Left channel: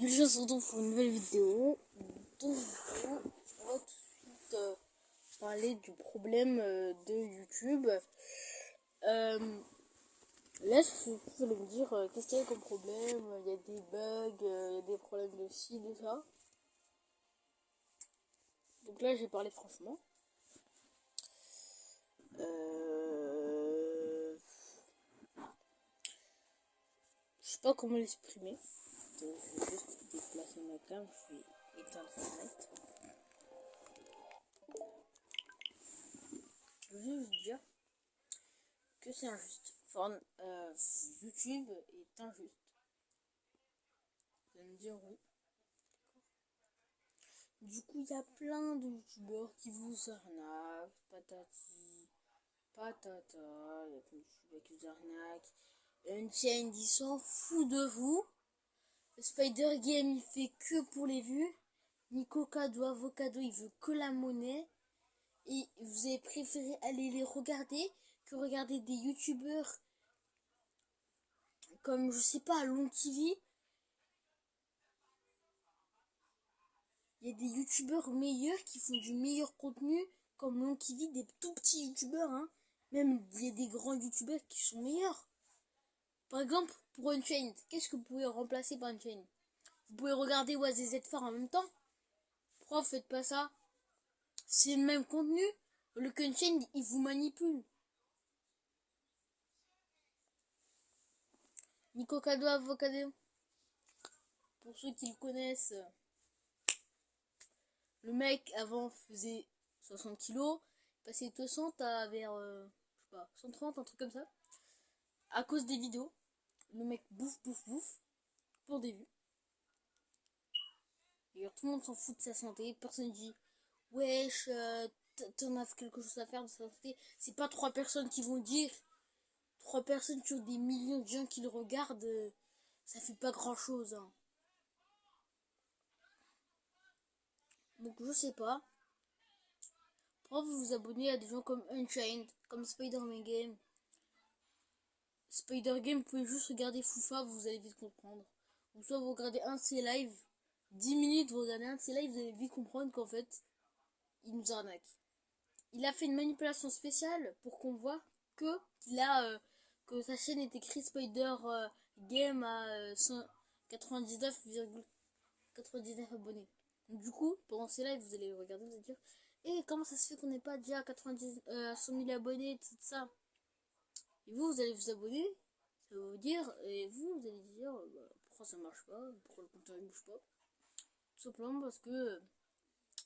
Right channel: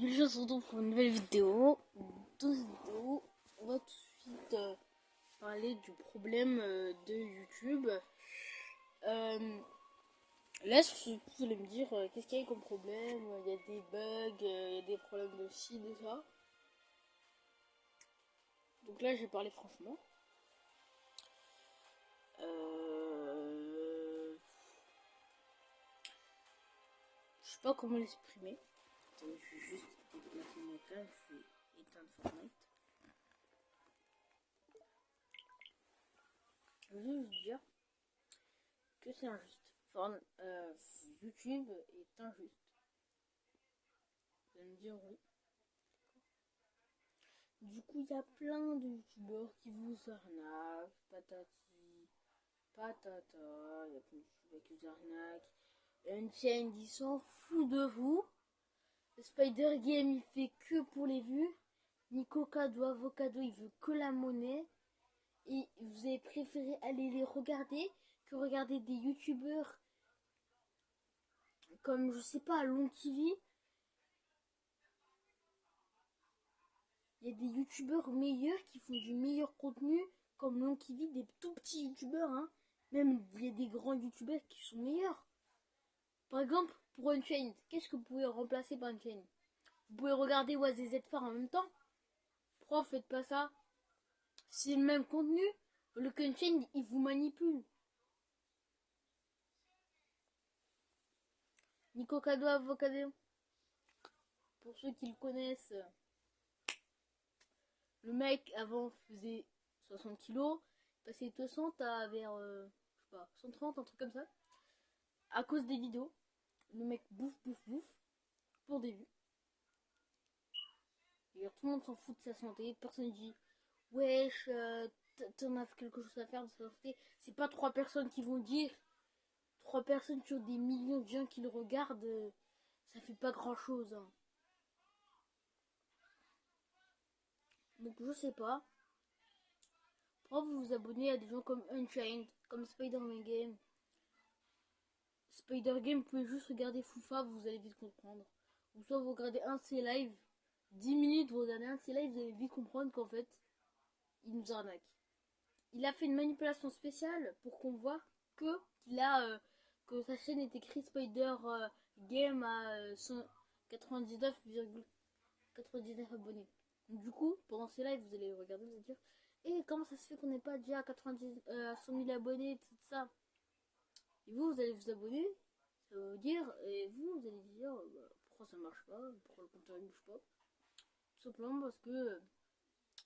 Je se retrouve pour une nouvelle vidéo. On va tout de suite parler du problème de YouTube. Là, vous allez me dire qu'est-ce qu'il y a comme problème. Il y a des bugs, il y a des problèmes de ci, de ça. Donc là, j'ai parlé franchement. Je sais pas comment l'exprimer. Donc, je vais juste déplacer ma cam, je vais éteindre Fortnite. Je veux juste dire que c'est injuste. Enfin, YouTube est injuste. Vous allez me dire oui. Du coup, il y a plein de youtubeurs qui vous arnaquent, patati, patata, il y a plein de youtubeurs qui vous arnaquent. Unchained, il s'en fout de vous. Spider Game, il fait que pour les vues. Nico Cado, Avocado, il veut que la monnaie. Et vous avez préféré aller les regarder que regarder des youtubeurs comme, je sais pas, Long TV. Il y a des youtubeurs meilleurs qui font du meilleur contenu, comme Long TV, des tout petits youtubeurs, hein. Même il y a des grands youtubeurs qui sont meilleurs. Par exemple, pour Unchained, qu'est-ce que vous pouvez remplacer par Unchained? Vous pouvez regarder OaZZ Far en même temps. Pourquoi vous faites pas ça? C'est le même contenu. Le Unchained, il vous manipule. Nico Cado Avocado. Pour ceux qui le connaissent, le mec avant faisait 60 kilos, passé de 60 à vers je sais pas, 130, un truc comme ça. À cause des vidéos, le mec bouffe pour des vues. Et tout le monde s'en fout de sa santé, personne dit wesh, t'en as quelque chose à faire de sa santé. C'est pas 3 personnes qui vont dire, 3 personnes sur des millions de gens qui le regardent, ça fait pas grand chose, hein. Donc je sais pas. Pourquoi vous vous abonnez à des gens comme Unchained, comme Spider-Man Game. Spider Game, vous pouvez juste regarder Foufa, vous allez vite comprendre. Ou soit vous regardez un de ses lives, 10 minutes, vous regardez un de ses lives, vous allez vite comprendre qu'en fait, il nous arnaque. Il a fait une manipulation spéciale pour qu'on voit que que sa chaîne est écrite Spider Game à 199,99 abonnés. Donc, du coup, pendant ces lives, vous allez regarder, vous allez dire comment ça se fait qu'on n'est pas déjà à 100 000 abonnés, tout ça. Et vous allez vous abonner, ça va vous dire, et vous allez dire pourquoi ça marche pas, pourquoi le compteur ne bouge pas. Tout simplement parce que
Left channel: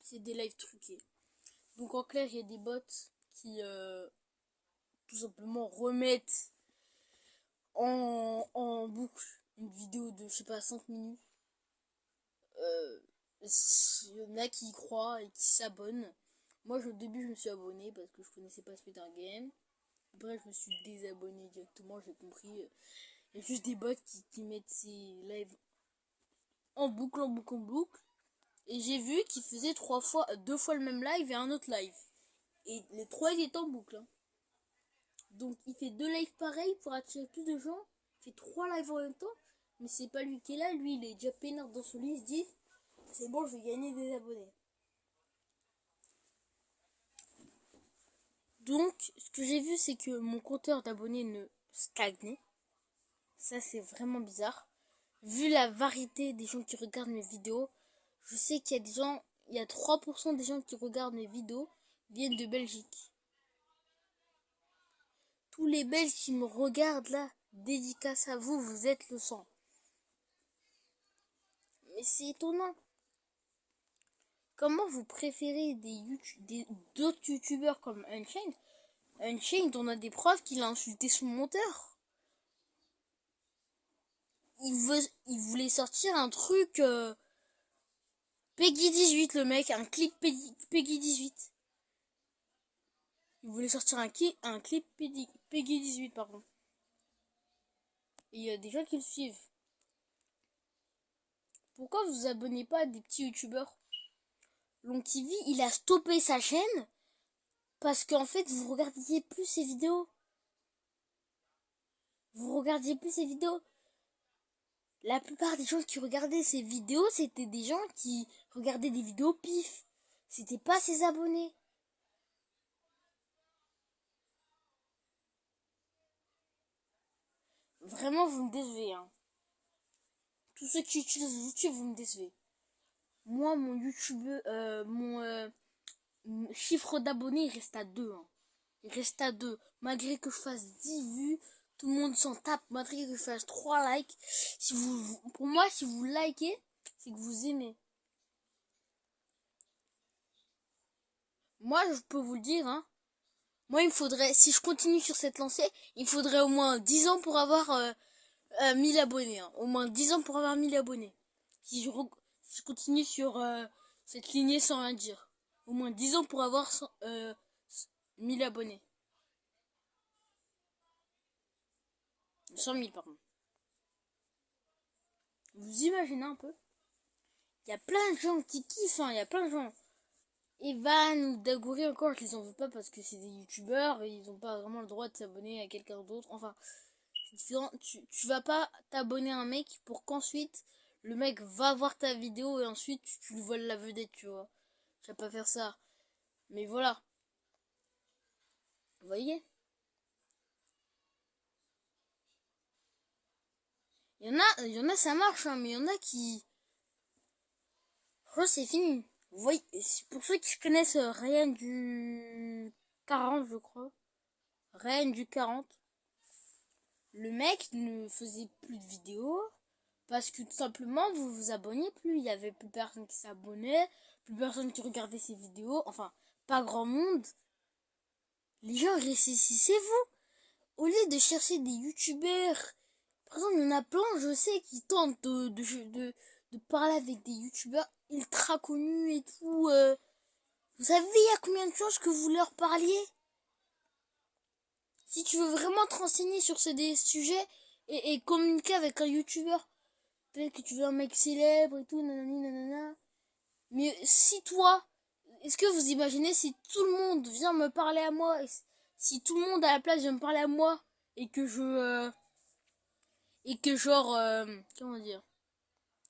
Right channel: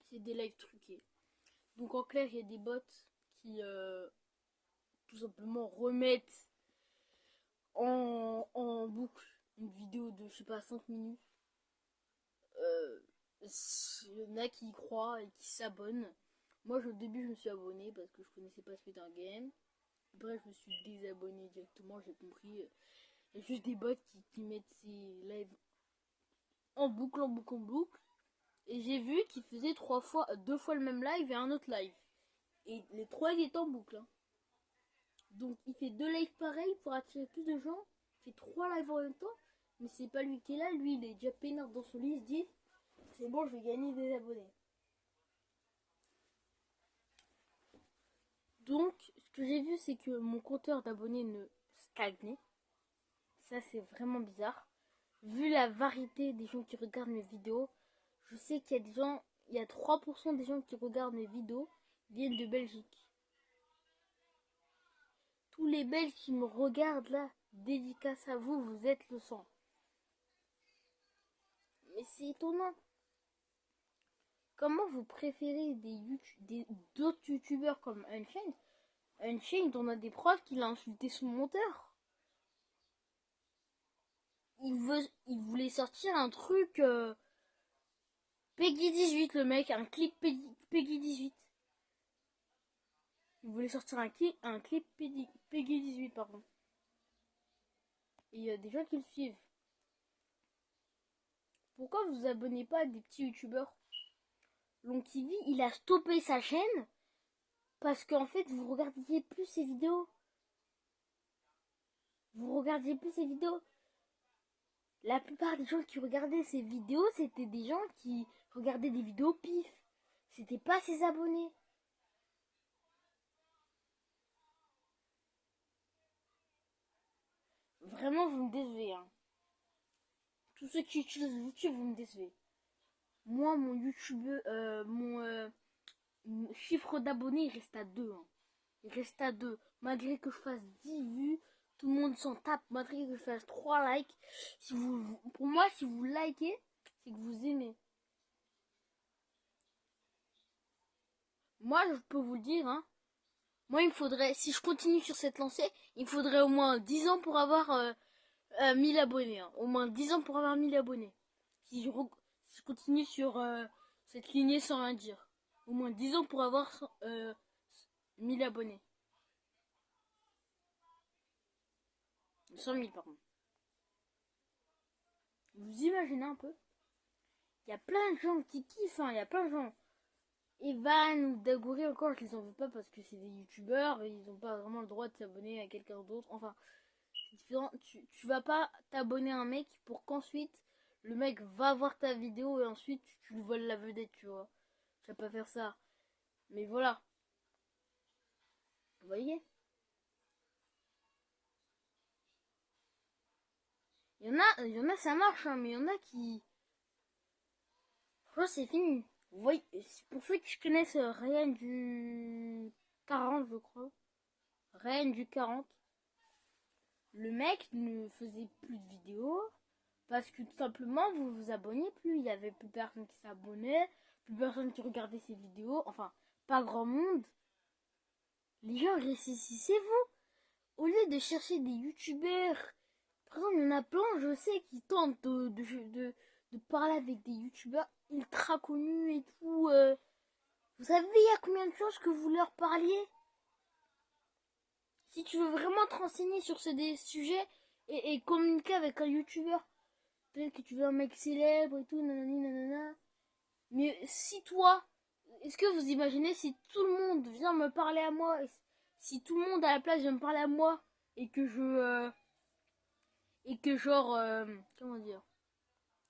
c'est des lives truqués. Donc en clair, il y a des bots qui tout simplement remettent en boucle une vidéo de, je sais pas, 5 minutes. Il y en a qui y croient et qui s'abonnent. Moi, au début, je me suis abonné parce que je connaissais pas Spider Game. Après, je me suis désabonné directement, j'ai compris. Il y a juste des bots qui mettent ces lives en boucle. Et j'ai vu qu'ils faisaient 2 fois le même live et un autre live. Et les 3 ils étaient en boucle, hein. Donc il fait 2 lives pareils pour attirer plus de gens. Il fait 3 lives en même temps. Mais c'est pas lui qui est là. Lui, il est déjà peinard dans son lit. Il se dit, c'est bon, je vais gagner des abonnés. Donc, ce que j'ai vu, c'est que mon compteur d'abonnés ne stagnait. Ça, c'est vraiment bizarre. Vu la variété des gens qui regardent mes vidéos, je sais qu'il y a des gens, il y a 3% des gens qui regardent mes vidéos viennent de Belgique. Tous les Belges qui me regardent là, dédicace à vous, vous êtes le sang. Mais c'est étonnant. Comment vous préférez d'autres youtubeurs comme Unchained? Unchained, on a des preuves qu'il a insulté son monteur. Il voulait sortir un truc Peggy 18, le mec, un clip Peggy 18. Il voulait sortir un clip Peggy 18, pardon. Et il y a des gens qui le suivent. Pourquoi vous vous abonnez pas à des petits youtubeurs? Long TV, il a stoppé sa chaîne parce qu'en fait, vous regardiez plus ses vidéos. La plupart des gens qui regardaient ces vidéos, c'était des gens qui regardaient des vidéos pif. C'était pas ses abonnés. Vraiment, vous me décevez, hein. Tous ceux qui utilisent YouTube, vous me décevez. Moi, mon YouTube, mon chiffre d'abonnés, il reste à 2, hein. Il reste à 2. Malgré que je fasse 10 vues, tout le monde s'en tape. Malgré que je fasse 3 likes. Pour moi, si vous likez, c'est que vous aimez. Moi, je peux vous le dire, hein. Moi, il me faudrait, si je continue sur cette lancée, il me faudrait au moins 10 ans pour avoir 1000 abonnés. Hein. Au moins 10 ans pour avoir 1000 abonnés. Si je continue sur cette lignée sans rien dire. Au moins 10 ans pour avoir 1000 abonnés. 100 000 par contre. Vous imaginez un peu? Il y a plein de gens qui kiffent, hein. Il y a plein de gens. Evan, Dagouri encore, je les en veux pas parce que c'est des youtubeurs et ils ont pas vraiment le droit de s'abonner à quelqu'un d'autre. Enfin, c'est différent. Tu vas pas t'abonner à un mec pour qu'ensuite le mec va voir ta vidéo et ensuite tu lui voles la vedette, tu vois. Tu vas pas faire ça. Mais voilà. Vous voyez? Il y en a, ça marche, hein, mais il y en a qui. Je crois que c'est fini. Vous voyez, pour ceux qui connaissent Ryan du 40, je crois. Ryan du 40. Le mec ne faisait plus de vidéos parce que tout simplement vous vous abonniez plus. Il y avait plus personne qui s'abonnait, plus personne qui regardait ses vidéos. Enfin, pas grand monde. Les gens récessissez-vous. Au lieu de chercher des youtubeurs, par exemple, il y en a plein, je sais, qui tentent de parler avec des youtubeurs ultra connus et tout. Vous savez, il y a combien de choses que vous leur parliez? Si tu veux vraiment te renseigner sur des sujets et communiquer avec un youtubeur, peut-être que tu veux un mec célèbre et tout, nanani, nanana. Mais si toi, est-ce que vous imaginez si tout le monde vient me parler à moi, si tout le monde à la place vient me parler à moi, et que et que genre, comment dire,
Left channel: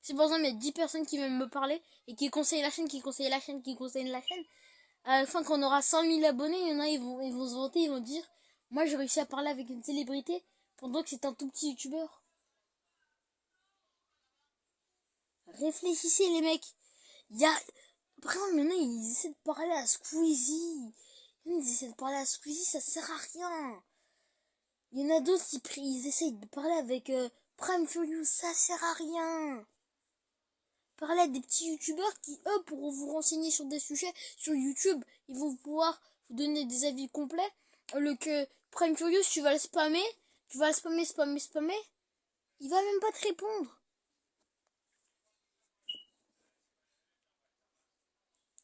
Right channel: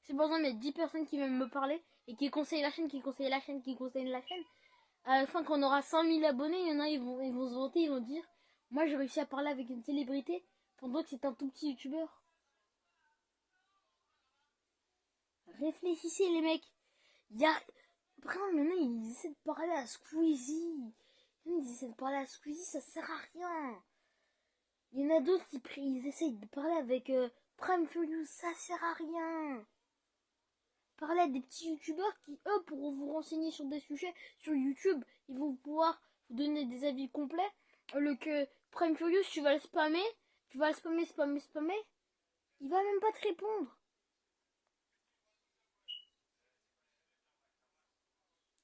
si par exemple il y a 10 personnes qui viennent me parler, et qui conseillent la chaîne, qui conseillent la chaîne, qui conseillent la chaîne, à la fin quand on aura 100 000 abonnés, il y en a, ils vont se vanter, ils vont dire, moi j'ai réussi à parler avec une célébrité, pendant que c'est un tout petit youtubeur. Réfléchissez les mecs. Il y a... Par exemple, maintenant, ils essaient de parler à Squeezie. Ils essaient de parler à Squeezie, ça sert à rien. Il y en a d'autres qui ils essayent de parler avec Prime Furious, ça sert à rien. Parler à des petits youtubeurs qui, eux, pourront vous renseigner sur des sujets sur YouTube. Ils vont pouvoir vous donner des avis complets. Le que Prime Furious, tu vas le spammer. Tu vas le spammer. Il va même pas te répondre.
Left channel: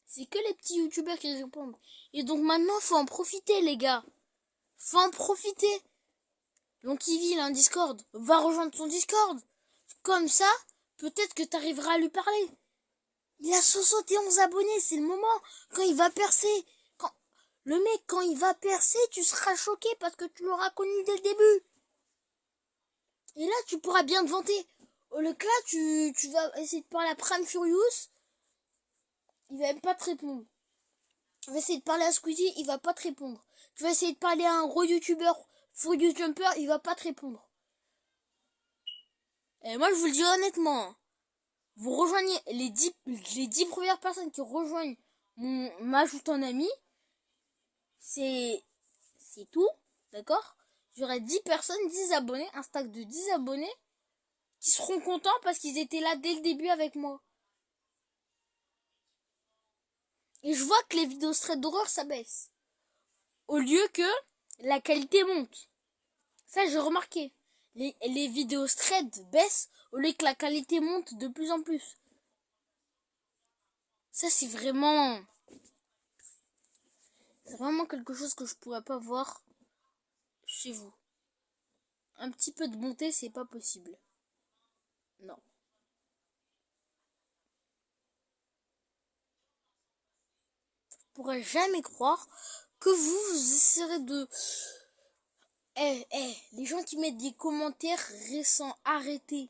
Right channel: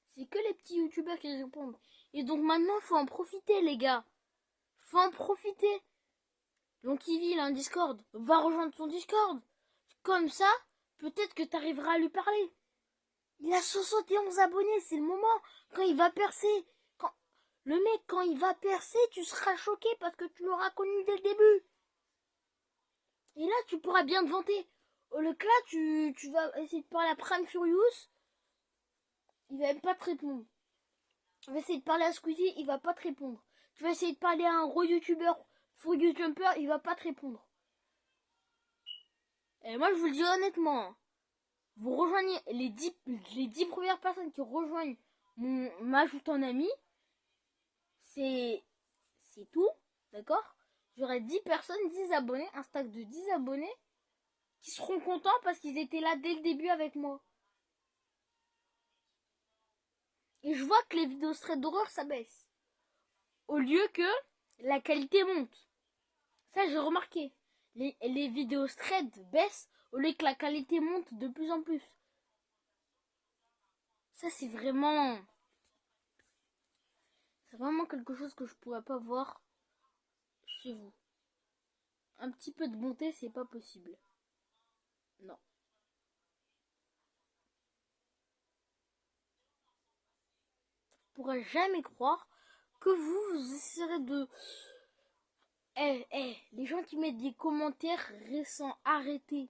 C'est que les petits youtubeurs qui répondent. Et donc maintenant, faut en profiter, les gars. Faut en profiter. Donc il a un Discord. Va rejoindre son Discord. Comme ça, peut-être que t'arriveras à lui parler. Il a 71 abonnés, c'est le moment. Quand il va percer. Le mec, quand il va percer, tu seras choqué parce que tu l'auras connu dès le début. Et là, tu pourras bien te vanter. Au lieu que là, tu vas essayer de parler à Prime Furious. Il va même pas te répondre. Tu vas essayer de parler à Squeezie, il va pas te répondre. Tu vas essayer de parler à un gros youtubeur, Furious Jumper, il va pas te répondre. Et moi, je vous le dis honnêtement, vous rejoignez les 10 premières personnes qui rejoignent m'ajoutent en ami, c'est tout, d'accord? J'aurai 10 personnes, 10 abonnés, un stack de 10 abonnés, qui seront contents parce qu'ils étaient là dès le début avec moi. Et je vois que les vidéos straight d'horreur, ça baisse. Au lieu que la qualité monte. Ça, j'ai remarqué. Les vidéos straight baissent au lieu que la qualité monte de plus en plus. Ça, c'est vraiment quelque chose que je pourrais pas voir chez vous. Un petit peu de bonté, c'est pas possible. Non. Je pourrais jamais croire que vous essaierez de... les gens qui mettent des commentaires récents, arrêtez.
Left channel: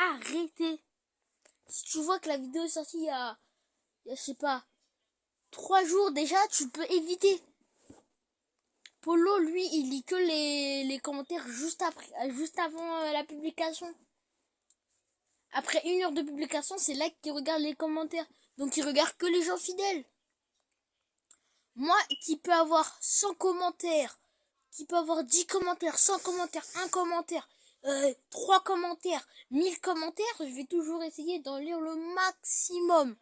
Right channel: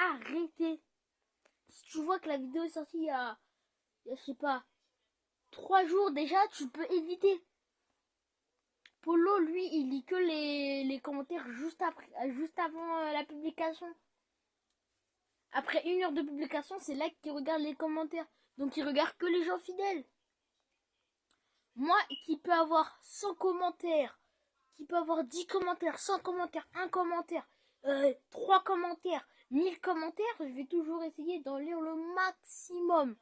arrêtez. Si tu vois que la vidéo est sortie il y a je sais pas, 3 jours déjà, tu peux éviter. Polo, lui, il lit que les commentaires juste avant la publication. Après 1 heure de publication, c'est là qu'il regarde les commentaires. Donc il regarde que les gens fidèles. Moi, qui peux avoir 100 commentaires, qui peut avoir 10 commentaires, 100 commentaires, 1 commentaire, 3 commentaires, 1000 commentaires, je vais toujours essayer d'en lire le maximum.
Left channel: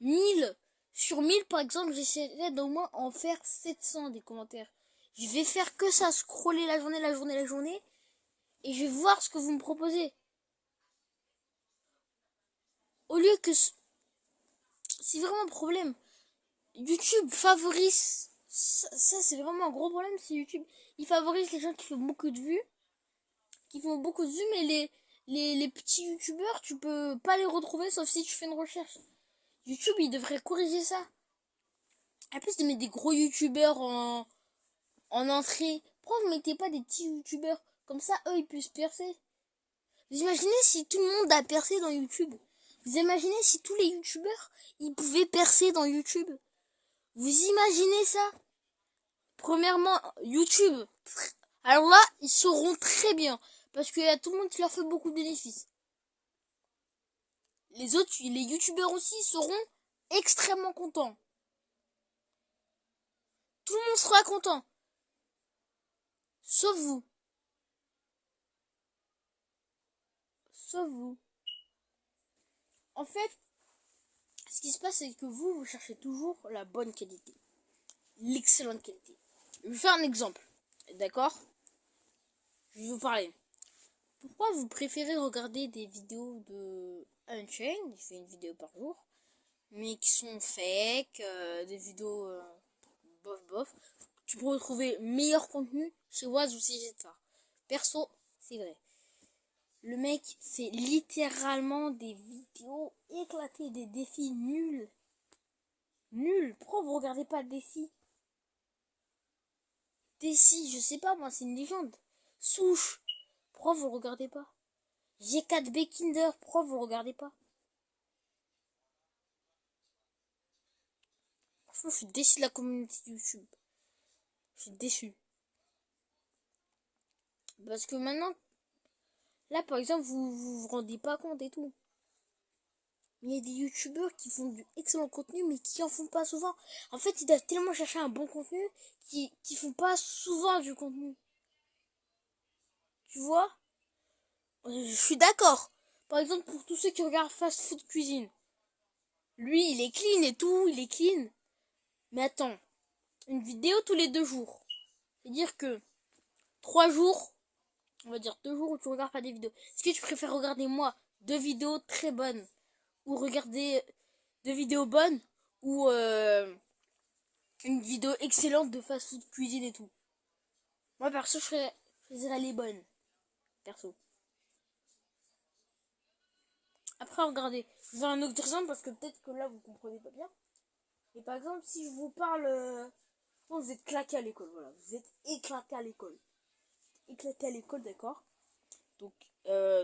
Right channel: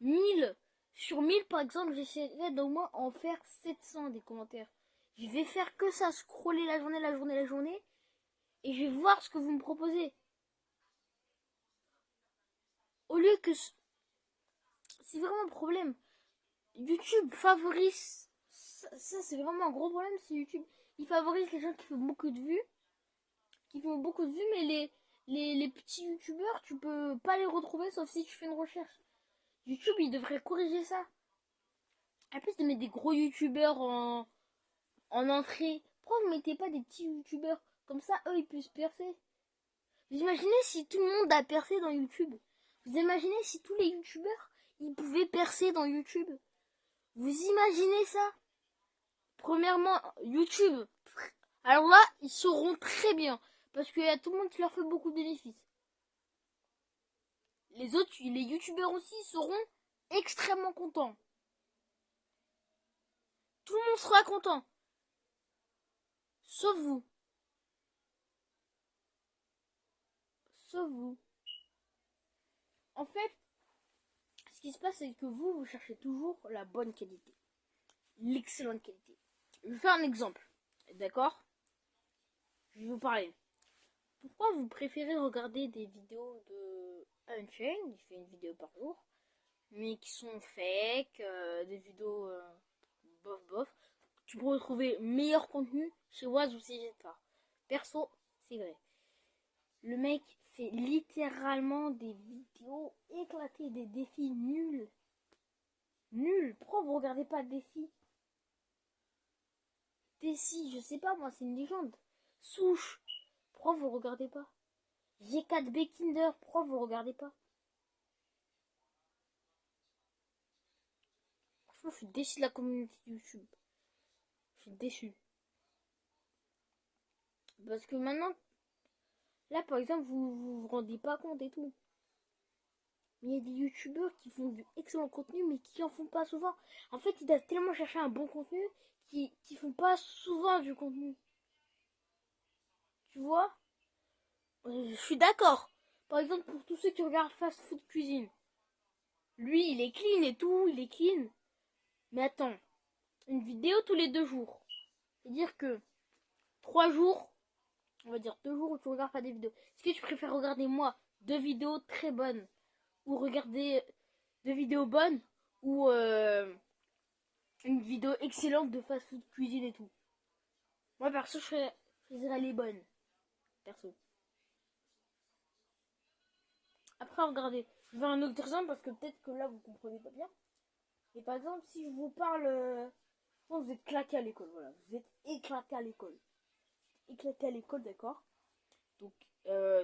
1000 sur 1000 par exemple, j'essaierai d'au moins en faire 700 des commentaires. Je vais faire que ça, scroller la journée, et je vais voir ce que vous me proposez. Au lieu que... C'est vraiment un problème. YouTube favorise... Ça c'est vraiment un gros problème, c'est YouTube. Il favorise les gens qui font beaucoup de vues. Mais les petits youtubeurs, tu peux pas les retrouver sauf si tu fais une recherche. YouTube, il devrait corriger ça. En plus de mettre des gros youtubeurs en entrée, pourquoi vous mettez pas des petits youtubeurs? Comme ça, eux, ils puissent percer. Vous imaginez si tout le monde a percé dans YouTube? Vous imaginez si tous les youtubeurs, ils pouvaient percer dans YouTube? Vous imaginez ça? Premièrement, YouTube. Alors là, ils sauront très bien. Parce qu'il y a tout le monde qui leur fait beaucoup de bénéfices. Les youtubeurs aussi seront extrêmement contents. Tout le monde sera content. Sauf vous. Sauf vous. En fait, ce qui se passe, c'est que vous cherchez toujours la bonne qualité. L'excellente qualité. Je vais faire un exemple. D'accord? Je vais vous parler. Pourquoi vous préférez regarder des vidéos de Unchained, il fait une vidéo par jour, mais qui sont fake, des vidéos bof. Tu peux retrouver meilleur contenu chez Waz ou chez Jetta. Perso, c'est vrai. Le mec fait littéralement des vidéos éclatées, des défis nuls. Nuls. Pourquoi vous regardez pas Défi? Défi, je sais pas, moi, c'est une légende. Souche. Pourquoi vous regardez pas? G4B Kinder, pourquoi vous regardez pas? Franchement, je suis déçu de la communauté YouTube. Je suis déçu. Parce que maintenant, là, par exemple, vous rendez pas compte et tout. Mais il y a des youtubeurs qui font du excellent contenu, mais qui en font pas souvent. En fait, ils doivent tellement chercher un bon contenu qui font pas souvent du contenu. Tu vois? Je suis d'accord. Par exemple, pour tous ceux qui regardent Fast Food Cuisine. Lui, il est clean et tout, il est clean. Mais attends, une vidéo tous les 2 jours. C'est-à-dire que 3 jours, on va dire 2 jours où tu regardes pas des vidéos. Est-ce que tu préfères regarder moi 2 vidéos très bonnes ou regarder 2 vidéos bonnes ou une vidéo excellente de fast-food cuisine et tout? Moi perso, je choisirais les bonnes. Perso. Après, regardez, je vais un autre exemple parce que peut-être que là vous comprenez pas bien. Et par exemple, si je vous parle, je pense que vous êtes claqué à l'école, voilà, vous êtes éclaté à l'école. Éclaté à l'école, d'accord? Donc,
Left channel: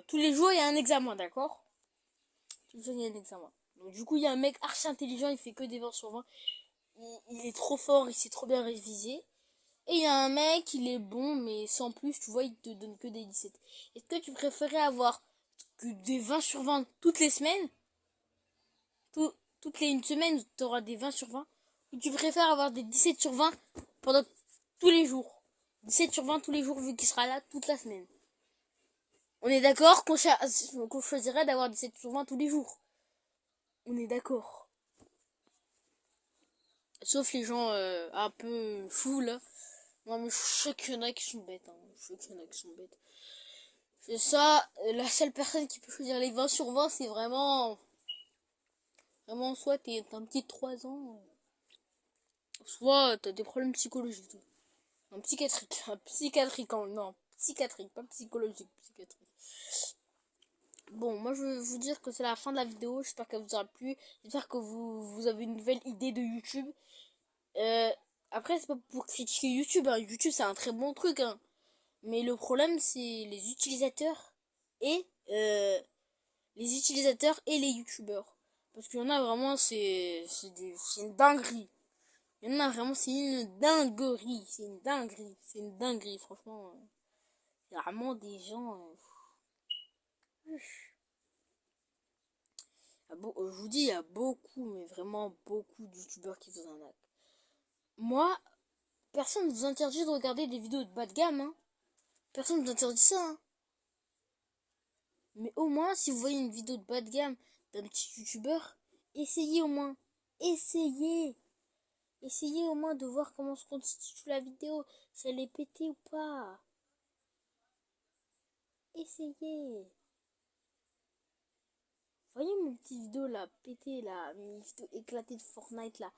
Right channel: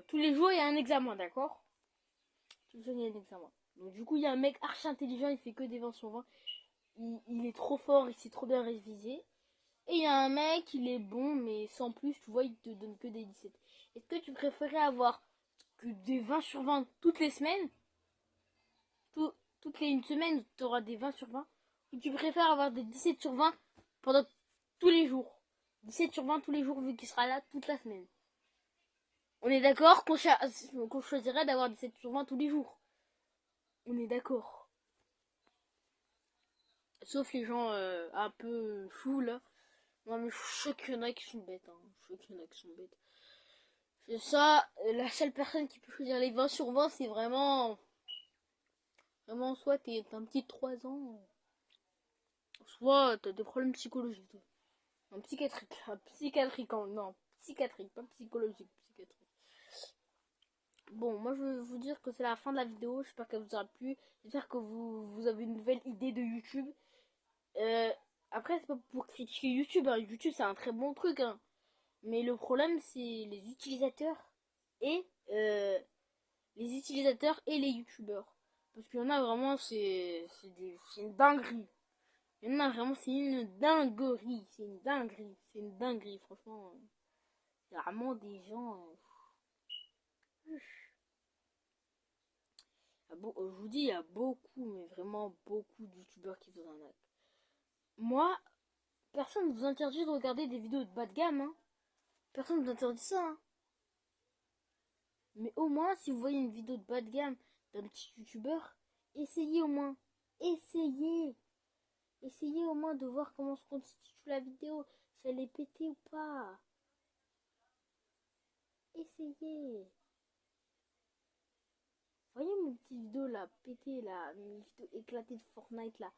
tous les jours il y a un examen, d'accord? Tous les jours il y a un examen. Donc, du coup, il y a un mec archi intelligent, il fait que des 20 sur 20. Il est trop fort, il sait trop bien réviser. Et il y a un mec, il est bon, mais sans plus, tu vois, il te donne que des 17. Est-ce que tu préférais avoir que des 20 sur 20 toutes les semaines? Toutes les une semaine, tu auras des 20 sur 20? Ou tu préfères avoir des 17 sur 20 pendant tous les jours? 17 sur 20 tous les jours, vu qu'il sera là toute la semaine. On est d'accord qu'on choisirait d'avoir 17 sur 20 tous les jours. On est d'accord. Sauf les gens un peu fous, là. Non, mais je suis sûr qu'il y en a qui sont bêtes. Hein. Je suis sûr qu'il y en a qui sont bêtes. C'est ça, la seule personne qui peut choisir les 20 sur 20, c'est vraiment... Vraiment, soit t'es un petit de 3 ans, soit t'as des problèmes psychologiques. Non, psychiatrique. Psychiatrique, non. Psychiatrique, pas psychologique, psychiatrique. Bon, moi je vais vous dire que c'est la fin de la vidéo. J'espère qu'elle vous aura plu. J'espère que vous avez une nouvelle idée de YouTube. Après, c'est pas pour critiquer YouTube. Hein. YouTube, c'est un très bon truc. Hein. Mais le problème, c'est les utilisateurs et les utilisateurs et les youtubeurs. Parce qu'il y en a vraiment, c'est une dinguerie. Il y en a vraiment, c'est une dinguerie. C'est une dinguerie. C'est une dinguerie, franchement. Il y a vraiment des gens... je vous dis, il y a beaucoup, mais vraiment beaucoup de youtubeurs qui vous en arnaquent. Moi, personne ne vous interdit de regarder des vidéos de bas de gamme. Hein. Personne ne vous interdit ça. Hein. Mais au moins, si vous voyez une vidéo de bas de gamme d'un petit youtubeur, essayez au moins. Essayez. Essayez au moins de voir comment se constitue la vidéo. Si elle est pétée ou pas. Essayez. Voyez mes petites vidéos là, pétées là, mes vidéos éclatées de Fortnite là.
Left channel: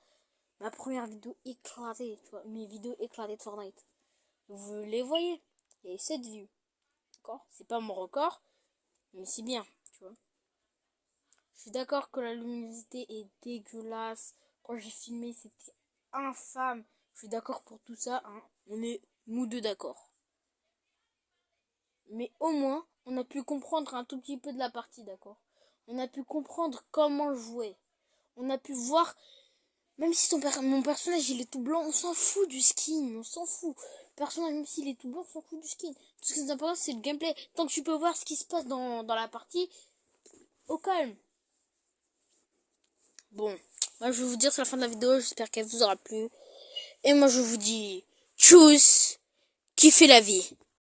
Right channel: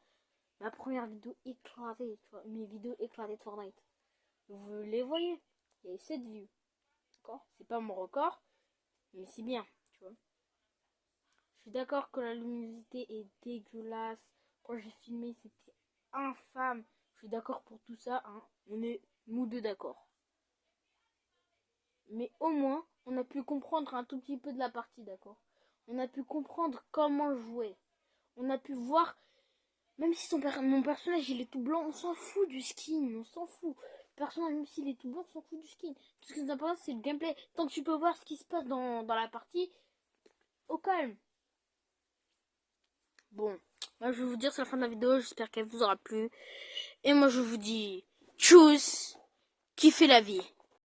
Ma première vidéo éclatée, tu vois, mes vidéos éclatées de Fortnite. Vous les voyez. Il y a 7 vues. D'accord? C'est pas mon record, mais c'est bien, tu vois. Je suis d'accord que la luminosité est dégueulasse. Quand j'ai filmé, c'était infâme. Je suis d'accord pour tout ça, hein. On est nous deux d'accord. Mais au moins, on a pu comprendre un tout petit peu de la partie, d'accord? On a pu comprendre comment jouer. On a pu voir, même si mon personnage il est tout blanc, on s'en fout du skin, on s'en fout. Le personnage, même s'il est tout blanc, on s'en fout du skin. Tout ce qui est important, c'est le gameplay. Tant que tu peux voir ce qui se passe dans la partie, au calme. Bon, moi je vais vous dire c'est la fin de la vidéo, j'espère qu'elle vous aura plu. Et moi je vous dis, tchuss, kiffez la vie.